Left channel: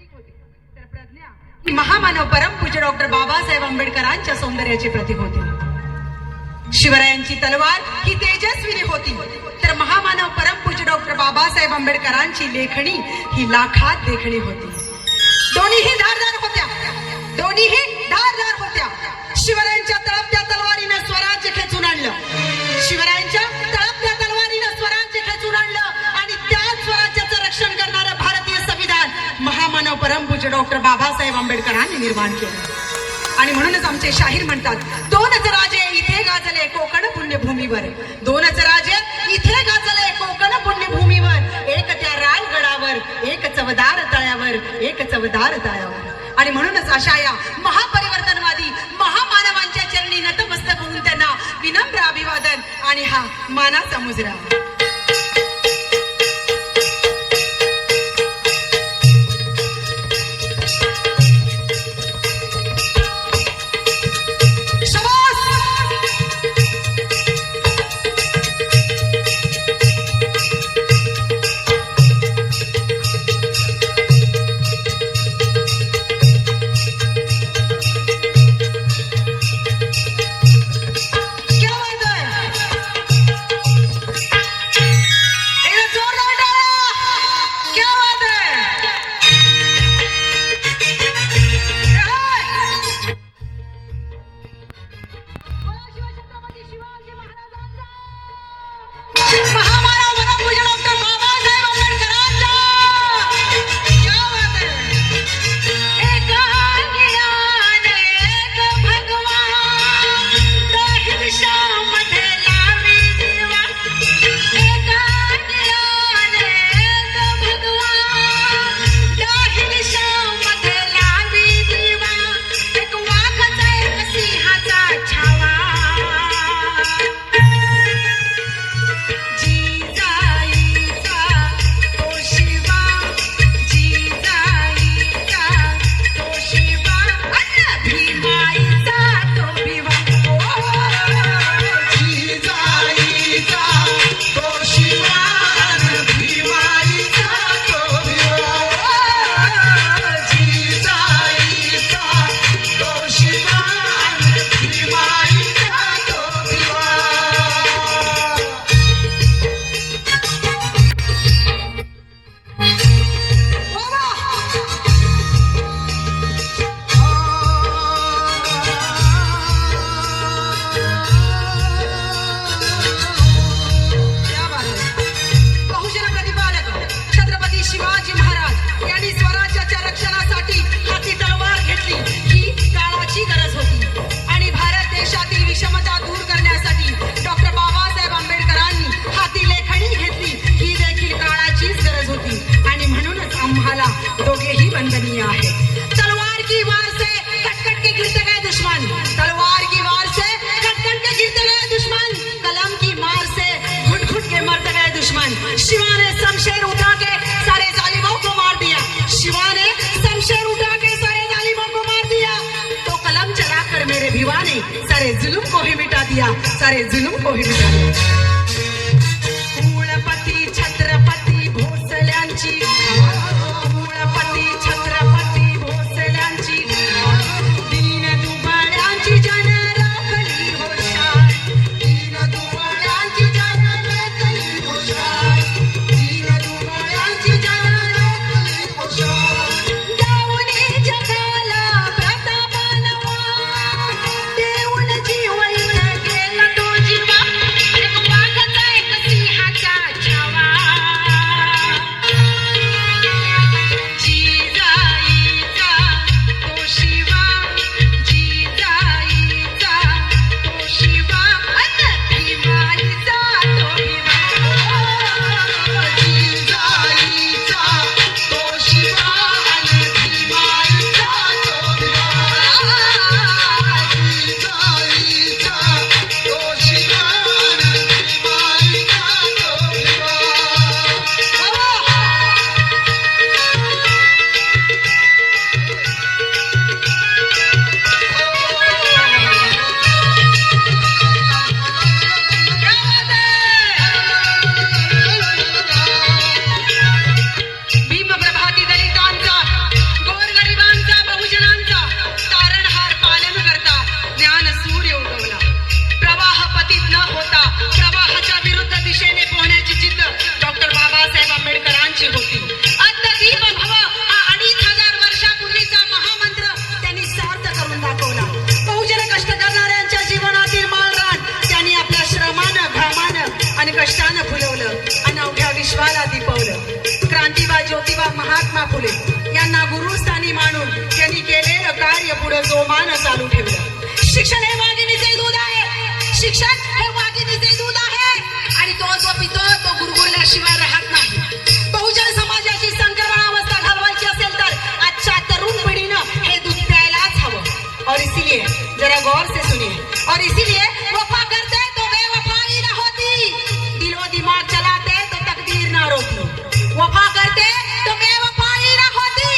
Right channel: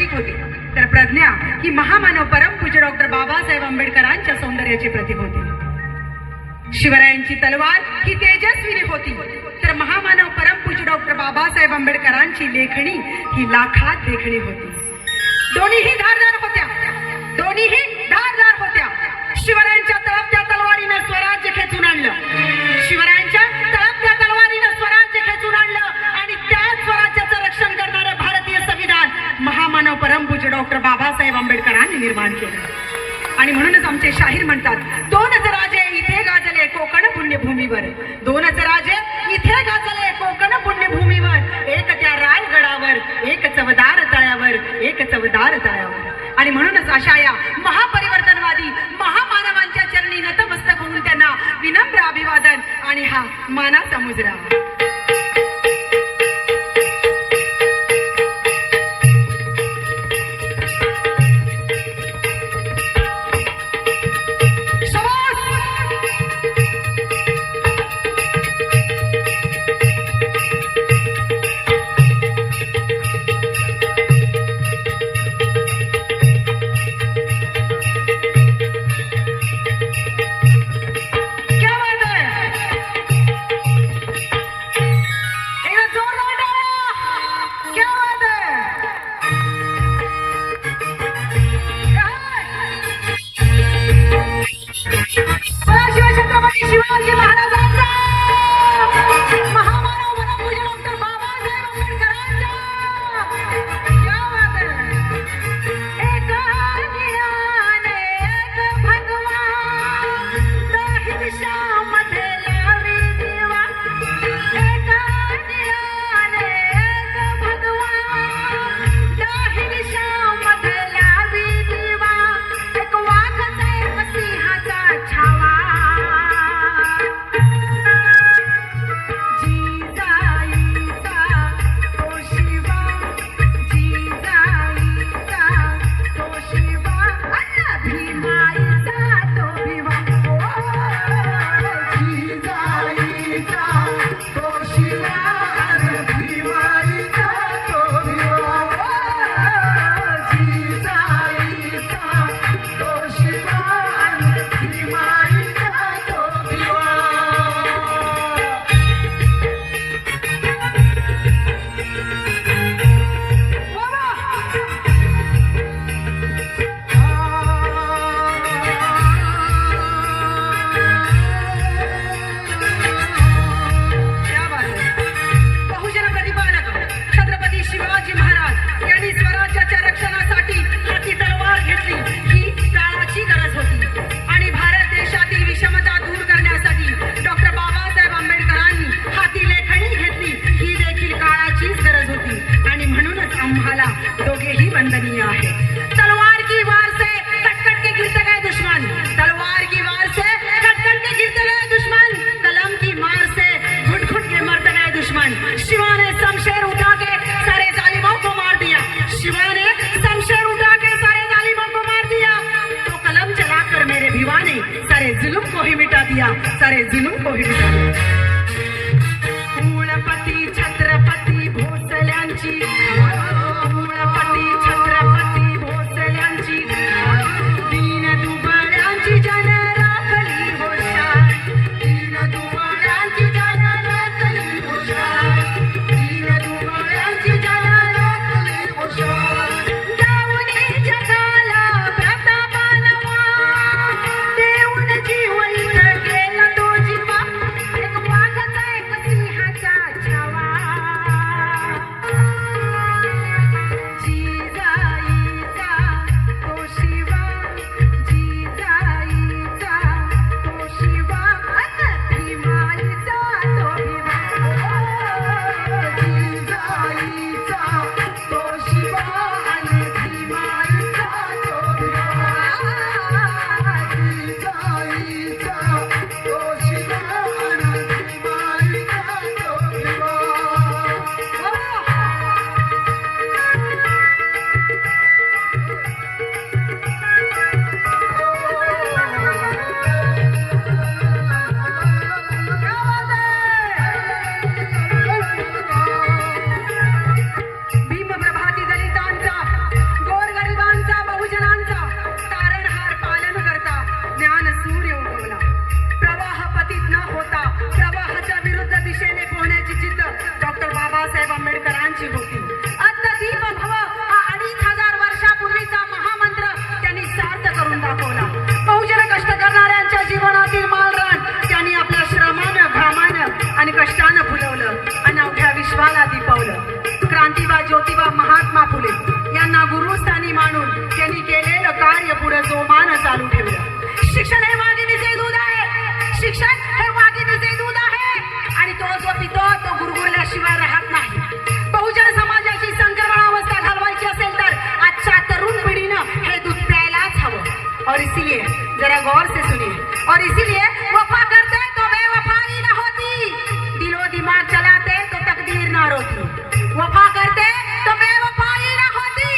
प्रतीक होते, तर प्रज्ञा ही महामानव परमपूज्य डॉक्टर बाबासाहेब आंबेडकरांच्या सौंदर्याचे प्रतीक होते. शिवरायांची तलवार ही तेजस्विनी होती, तर महामानव परमपूज्य डॉक्टर बाबासाहेब आंबेडकरांची लेखणी ही लाखात देखणी होती. दोन्हीही धारदार होत्या, दोन्हीही धारदार होत्या. शिवरायांच्या तळपत्या तलवारीनं स्वराज्य खेचून आणलं, शिवरायांच्या तळपत्या तलवारीनं स्वराज्य खेचून आणलं आणि त्या स्वराज्याचं रक्षण करणारं भारतीय संविधान महामानव परमपूज्य डॉक्टर बाबासाहेब आंबेडकरांनी निर्माण केलं. आणि म्हणूनच आमचे शाहीर म्हणतात, दोनच राजे इथे गाजले कोकण पुण्यभूमीवर, दोनच राजे इथे गाजले कोकण पुण्यभूमीवर, एक त्या रायगडावर, एक चवदार तळ्यावर, एक चवदार तळ्यावर. आणि म्हणूनच अशा या महापरिवर्तनवादी महामानवांच्या चरणी नतमस्तक होऊन त्यांना विनम्र अभिवादन आणि हा मानाचा मुजरा. दोघेही वंदनीय आहे. तलवार की वार से कट-कट के गिरते गए दुश्मन, तलवार की वार से कट-कट के गिरते गए दुश्मन, कलम की मार से घुट-घुट के मरते गए दुश्मन. शिवा ने शमशेर उठा के सारे जालिमों को मार दिया, शिवा ने शमशेर उठा के सारे जालिमों को मार दिया. तो कलम चलाकर मेरे भिवा ने सारे जुल्म को ही मिटा दिया, सारे जुल्म को ही मिटा दिया. कुळपती छत्रपती भोसल्यांची, कुळपती छत्रपती भोसल्यांची, दीन दुबळ्यांची जन राखली होशार, दीन दुबळ्यांची जन राखली होशार, दीन दुबळ्यांची जन राखली होशार. दावणी जगाला प्रतापानवा, देऊन जीव इथं गेला तो जीवा, एक मानाची होती. अद्यदीप भव हा 2500 वर्षापूर्वीचा महामंत्र त्यांनी सार्थ करून दाखवला. बहुजन कष्ट करणाऱ्यांच्या जीवनातील माळरान त्यांनी आपल्या श्रमानं, घामानं आणि कष्टानं फुलवलं, अनवघ्या विश्वाला दिपवलं. क्रांतिबा ज्योतिबा महात्मा फुले यांना गुरुस्थानी मानून त्यांनी केलेलं कार्य पुढे जोमानं चालू ठेवलं. शिक्षण हे वाघिणीचे दूध आहे, शिक्षण हे वाघिणीचे दूध आहे आणि तो जो पितो तो गुरगुरल्याशिवाय राहत नाही. बहुजन समाजाची संक्रमणावस्था घालवायची असेल तर आजच्या तरुण पिढीनं हे दूध प्यायलाच हवं. और इसीलिए जरा गौर से सुनिए, और इसीलिए वफा करते तो बेवफाई न होती, दिलो दिमाग चलाते तो तकदीर ना रोती. वफा करते तो बेवफाई न होती,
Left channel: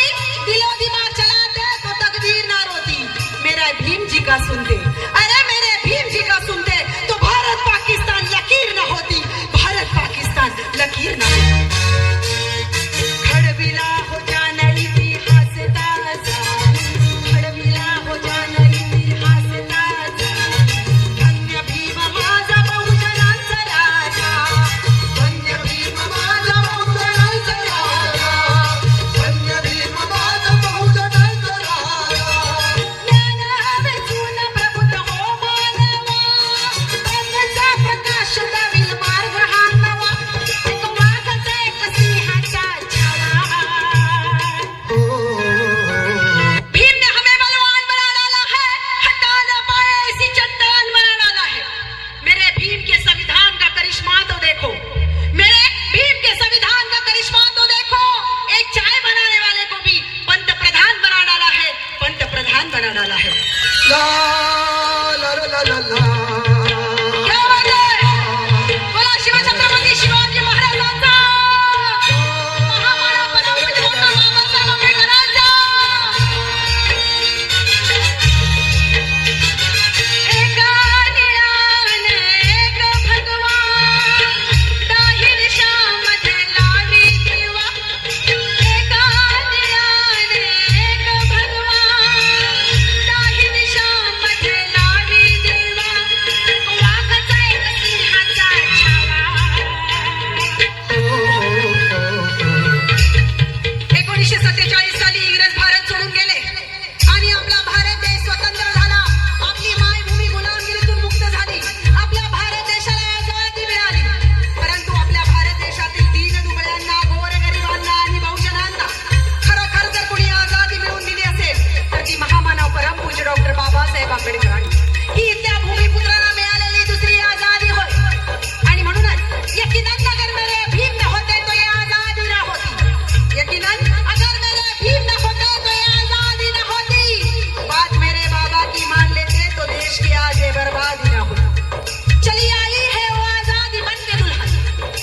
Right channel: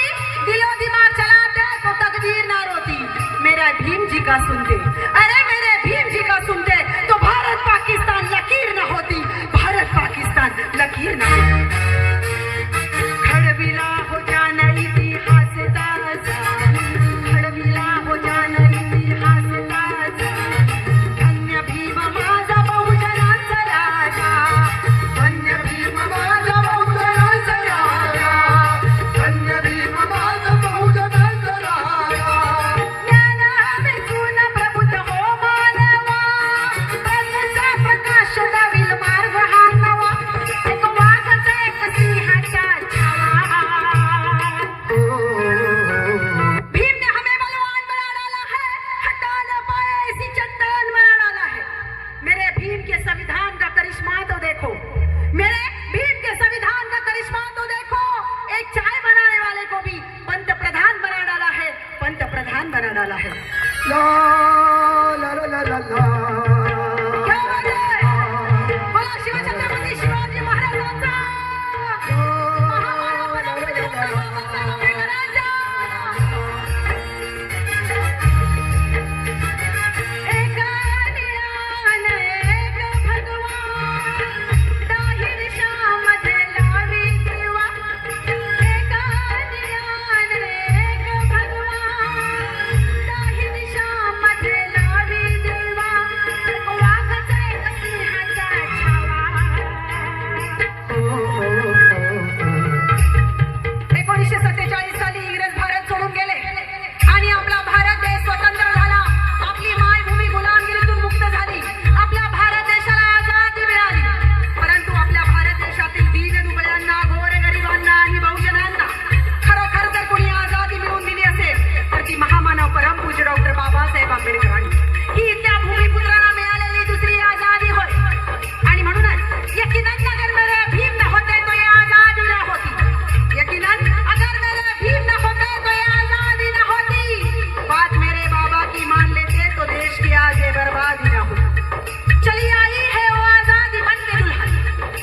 दिलो दिमाग चलाते तो तकदीर ना रोती. मेरा भीम जी का सुनते, अरे मेरे भीम जी का सुनते तो भारत पाकिस्तान लकीर न होती, भारत पाकिस्तान लकीर न होती. खडविला हो जाना इतिहास ताजा, खडविला हो जाना इतिहास ताजा. धन्य भीम माझा बहुजनांचा राजा, धन्य भीम माझा बहुजनांचा राजा, धन्य भीम माझा बहुजनांचा राजा. ज्ञान वेचून प्रबुद्ध हो मानवा, प्रज्ञेचा प्रकाश दाविल मार्ग हा नवा. एक वाघाचा एक सिंहाचा छावा. भीम ने हमें बलवान बना डाला है, हटा न पाए ऐसी चट्टान बना डाला है. मेरे भीम के संविधान का करिश्मा तो देखो, मेरे भीम के संविधान का करिश्मा तो देखो. एक चाय बनाने वाले को भी पंत प्रधान बना डाला है, पंत प्रधान बना डाला है. ला ला ला ला ला ला. क्या बात है? बोला शिवछत्रपती शिवाजी महाराजांचा, महामानव परमपूज्य डॉक्टर बाबासाहेब आंबेडकरांचा. एका निळाने एक भगवान, दाहिर शामध्ये लावी दिवा. एका निळाने एक भगवान, दाहिर शामध्ये लावी दिवा. एक वाघाचा एक सिंहाचा छावा. 1947 साली इंग्रज भारत सोडून गेले आणि आपला भारत देश स्वतंत्र झाला. आपली मायभूमी गुलामगिरीतून मुक्त झाली. आपल्या भारत देशाला आझादी मिळाली. परंतु आपल्या भारत देशातील दीनदुबळ्यांना, गोरगरिबांना आणि बहुजनांना खरोखर जर कोणी आझादी मिळवून दिली असेल तर ती महामानव परमपूज्य डॉक्टर बाबासाहेब आंबेडकरांनी. ही इथल्या भूमिपुत्रांना मिळालेली दुसरी आझादी होय. आणि म्हणूनच यकीनन अगर मेरे भीम न होते तो ये आझादी न होती. यकीनन अगर मेरे भीम न होते तो ये आजादी न होती. बात मेरे बाबा की मान लेते तो देश की आज ये बर्बादी न होती. चली आई है वो आजादी बन के दुल्हन,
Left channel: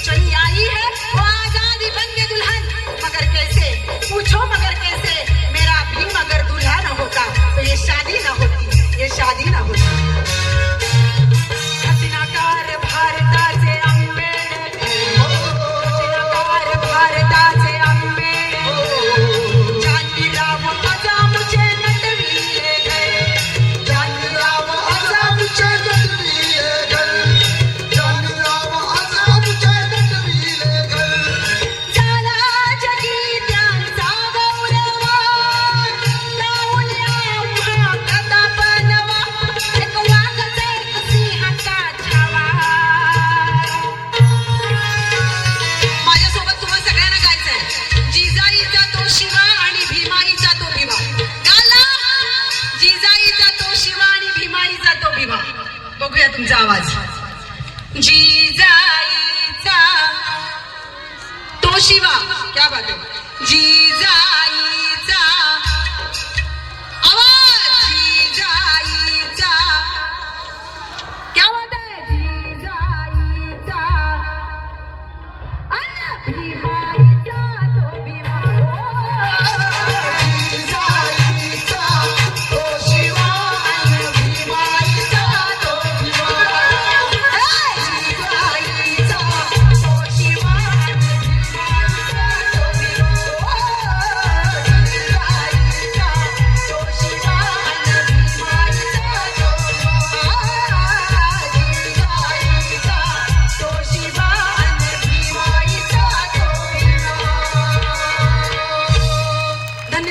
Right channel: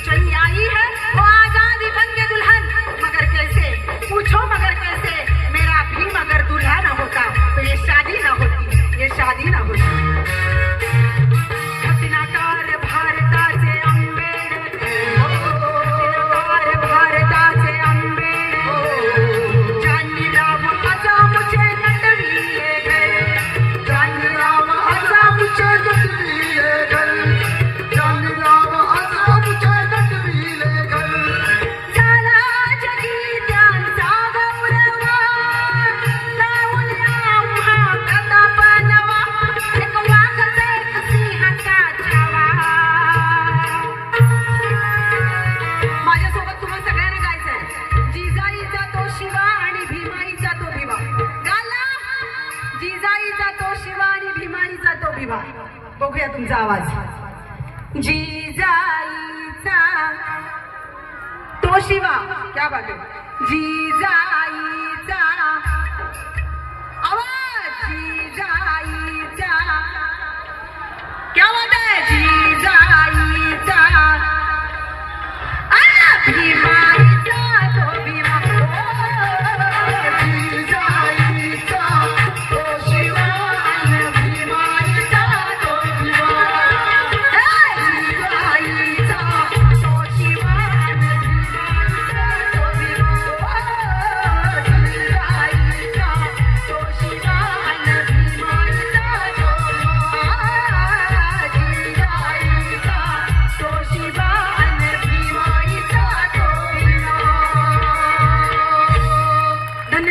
चली आई है वो आजादी बन के दुल्हन. मगर कैसे, पूछो मगर कैसे, मेरा भीम अगर दूल्हा न होता तो ये शादी न होती, ये शादी न होती. रत्नाकर भारताचे आंबेडकर, रत्नाकर भारताचे आंबेडकर. जानवीराव आझादचे नटविले गए, जानवीराव आझादचे नटविले गए, जानवीराव आझादचे नटविले गए. झाला जगी त्यांचा गौरव, लावून आम्हा प्रताप नवा. एक वाघाचा एक सिंहाचा छावा. माझ्यासोबत तुम्हा सगळ्यांना गायचंय. जिजाईचा तो शिवा आणि भीमाईचा तो भिवा. गाला जिजाईचा तो शिवा आणि भीमाईचा तो भिवा. बघूया तुमचा आवाज. जिजाईचा तो शिवा, क्या बात है. जिजाई